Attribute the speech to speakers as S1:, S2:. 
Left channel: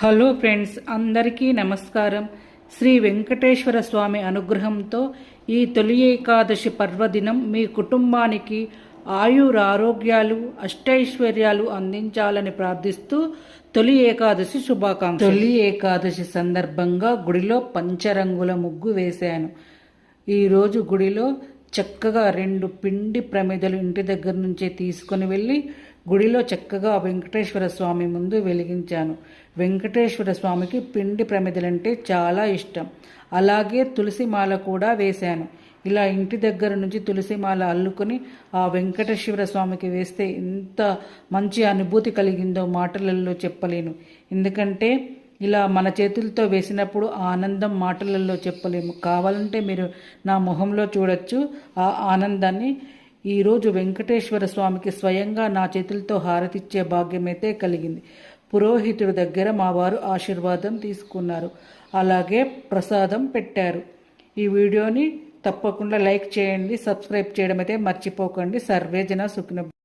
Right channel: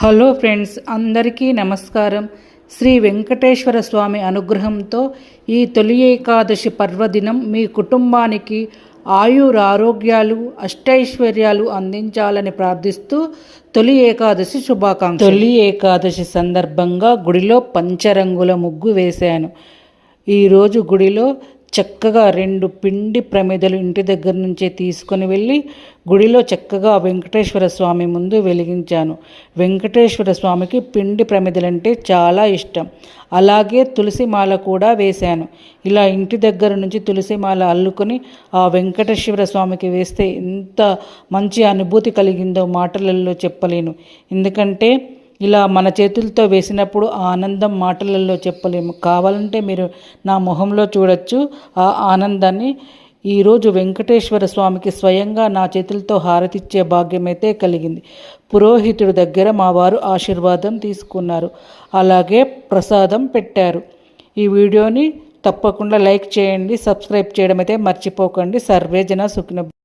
S1: Hello friends అందరికీ నమస్కారం. శ్రీ వెంకటేశ్వర స్వామి అనుగ్రహంతో ఈ తొలి ఏకాదశి పర్వదినం మీ కుటుంబానికి ఆయురారోగ్యాలు అష్టైశ్వర్యాలు అందించాలని ప్రార్థిస్తూ తొలి ఏకాదశి శుభాకాంక్ష తొలి ఏకాదశి సందర్భంగా గుడిలో పంచరంగుల ముగ్గు వేశాను. ఈరోజు గుడిలో చక్కగా రెండు పిండి ప్రమిదలు ఇంటి దగ్గర నుంచే తీసుకొని వెళ్ళి గుడిలో చక్కగా వెంకటేశ్వర స్వామి ముందు వెలిగించాను. వెంకటేశ్వర స్వామికి పిండి ప్రమిదలంటే చాలా ఇష్టం. అలాగే తులసి మాల కూడా వేశాను. ఇలా ఇంటి దగ్గర నుంచి తులసి మాల అల్లుకొని ఆ వెంకటేశ్వర స్వామికి వేస్తే ఎంత మంచి అనుభూతి కలిగిందో మాటలలో చెప్పలేను. ఎందుకంటే ఇలా మన చేతులతో వేసినప్పుడు ఆ ఆనందం మాటలలో చెప్పలేము. కావాలంటే మీరు నా మొహంలో చూడొచ్చు. ఆ ఆనందాన్ని ఈరోజు వెంకటేశ్వర స్వామికి స్వయంగా నా చేతులతో హారతిచ్చే భాగ్యమైతే కలిగింది. పురోహితుడి దగ్గర మా వారు ఆశీర్వాదం తీసుకున్నారు. అలాగే ప్రసాదం పెట్టారు. ఈ వీడియోని తప్పకుండా లైక్ చేయండి సబ్స్క్రైబ్ చేయడం అయితే మర్చిపోకండి. సర్వేజన సుఖ్న సుఖిన